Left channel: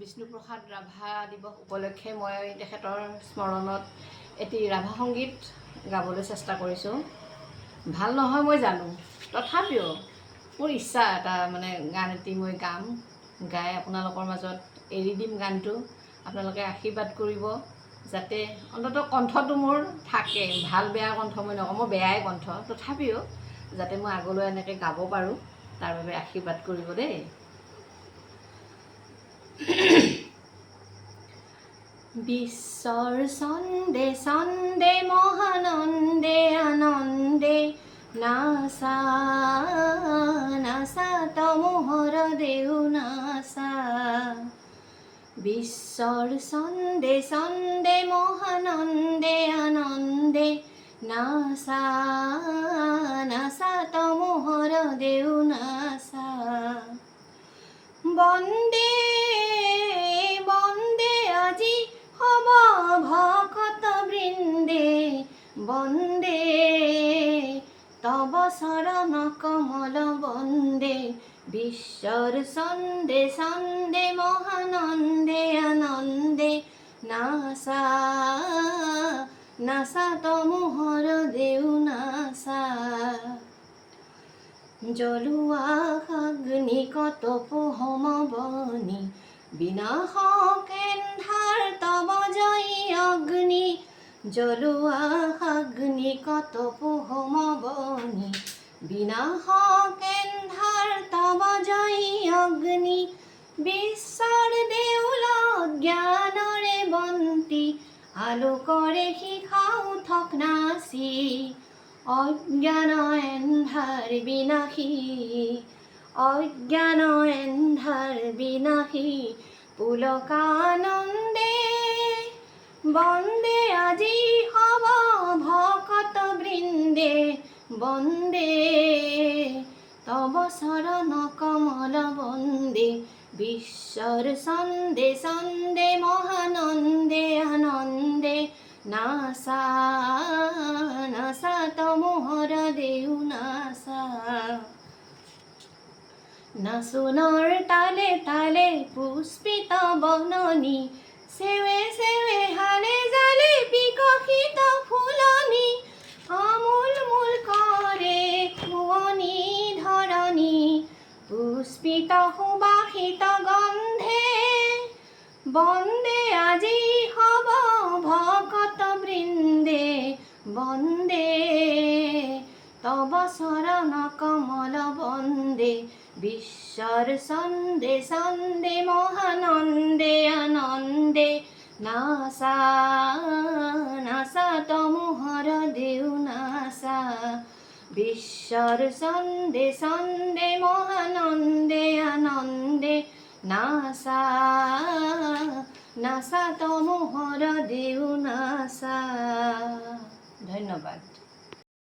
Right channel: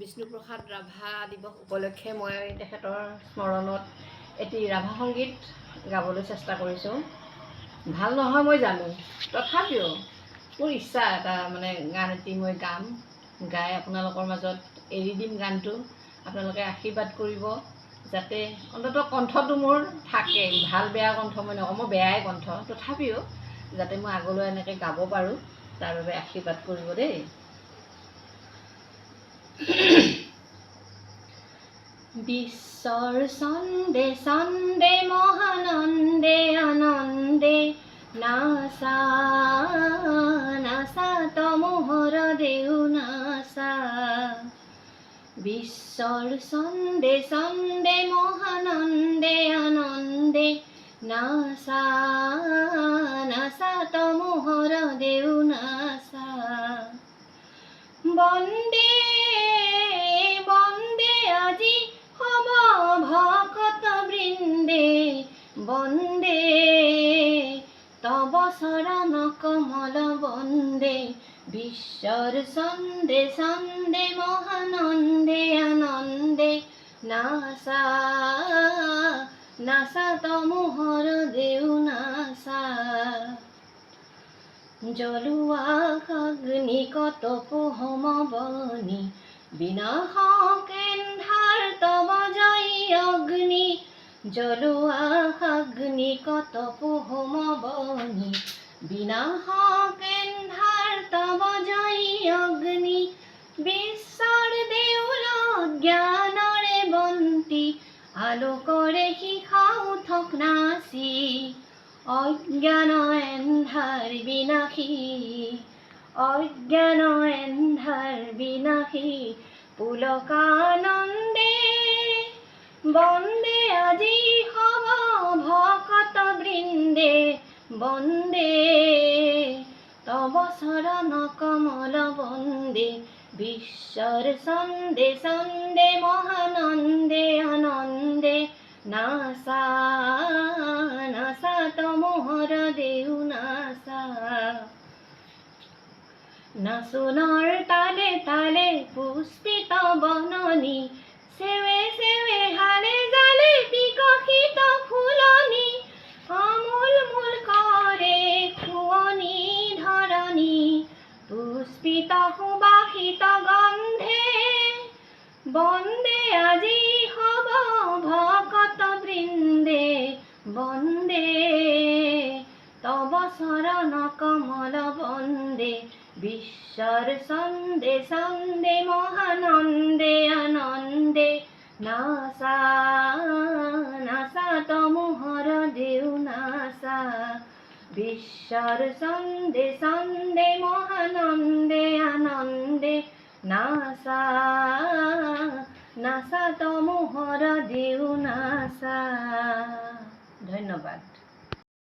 বিষ্ণুপ্ৰসাদ ৰাভা দিৱস উপলক্ষে মই তেখেতৰ স্মৰণত এটি ৰাভা সংগীত গাবলৈ চেষ্টা কৰিছোঁ। ভাল নহয় মই জানো, তথাপিও মোৰ ইচ্ছা এটা গান এটি মই গাম, গাই আপোনালোকৰ মাজত এৰি দিম গানটো। আপোনালোকে আশীৰ্বাদ কৰিব যাতে অন্ততঃ কণ্ঠটো মোৰ থাকে। ভাল বেয়া কণ্ঠ মই নকওঁ, মোৰ বেয়াই কণ্ঠ, তথাপিও যাতে মই আগলৈ এনেকৈ গাব পাৰোঁ তাৰ বাবে আশীৰ্বাদ কৰিব দেই। বিশ্বৰ ছন্দে ছন্দে মহানন্দে আনন্দে নাচা নাচা তমোহৰ দেউ নাচা। বিশ্বৰ ছন্দে ছন্দে মহানন্দে আনন্দে নাচা নাচা তমোহৰ দেউ নাচা। বন্দে বন্দে আজি হব ভকত বৃন্দে, বন্দে তব চৰণ কমল বন্দে। বিশ্বৰ ছন্দে ছন্দে মহানন্দে আনন্দে নাচা নাচা তমোহৰ দেউ নাচা। জ্বলোৱা অগ্নি কতপ হোম বনি, বিনাশক এন্ধাৰ তব জয় অগ্নি। জ্বলোৱা অগ্নি কতপ হোম বনি, বিনাশক এন্ধাৰ তব জয় অগ্নি। বিশ্বৰ দেউলত জ্ঞানৰে বন্তি, আলোকৰে শিখা উঠক নাচি। অজ্ঞান এন্ধাৰ বিনাশী, অজ্ঞান এন্ধাৰ বিনাশী পুলকানন্দে। বন্দে আজি হব ভকত বৃন্দে, বন্দে তব চৰণ কমল বন্দে। বিশ্বৰ ছন্দে ছন্দে মহানন্দে আনন্দে নাচা নাচা তমোহৰ দেউ নাচা। নাচোনৰ তালে তালে পুষ্পিত বননি, সেৱে সেৱে হালে জালে বিকশিত ফুলনি। আমোল মোল কৰে শুৱনি ধৰণি, পুষ্পিত সুবাসিত গন্ধে। বন্দে আজি হব ভকত বৃন্দে, বন্দে তব চৰণ কমল বন্দে। বিশ্বৰ ছন্দে ছন্দে মহানন্দে আনন্দে নাচা নাচা তমোহৰ দেউ নাচা। বিশ্বৰ ছন্দে ছন্দে মহানন্দে আনন্দে নাচা নাচা তমোহৰ দেউ নাচা। ধন্যবাদ।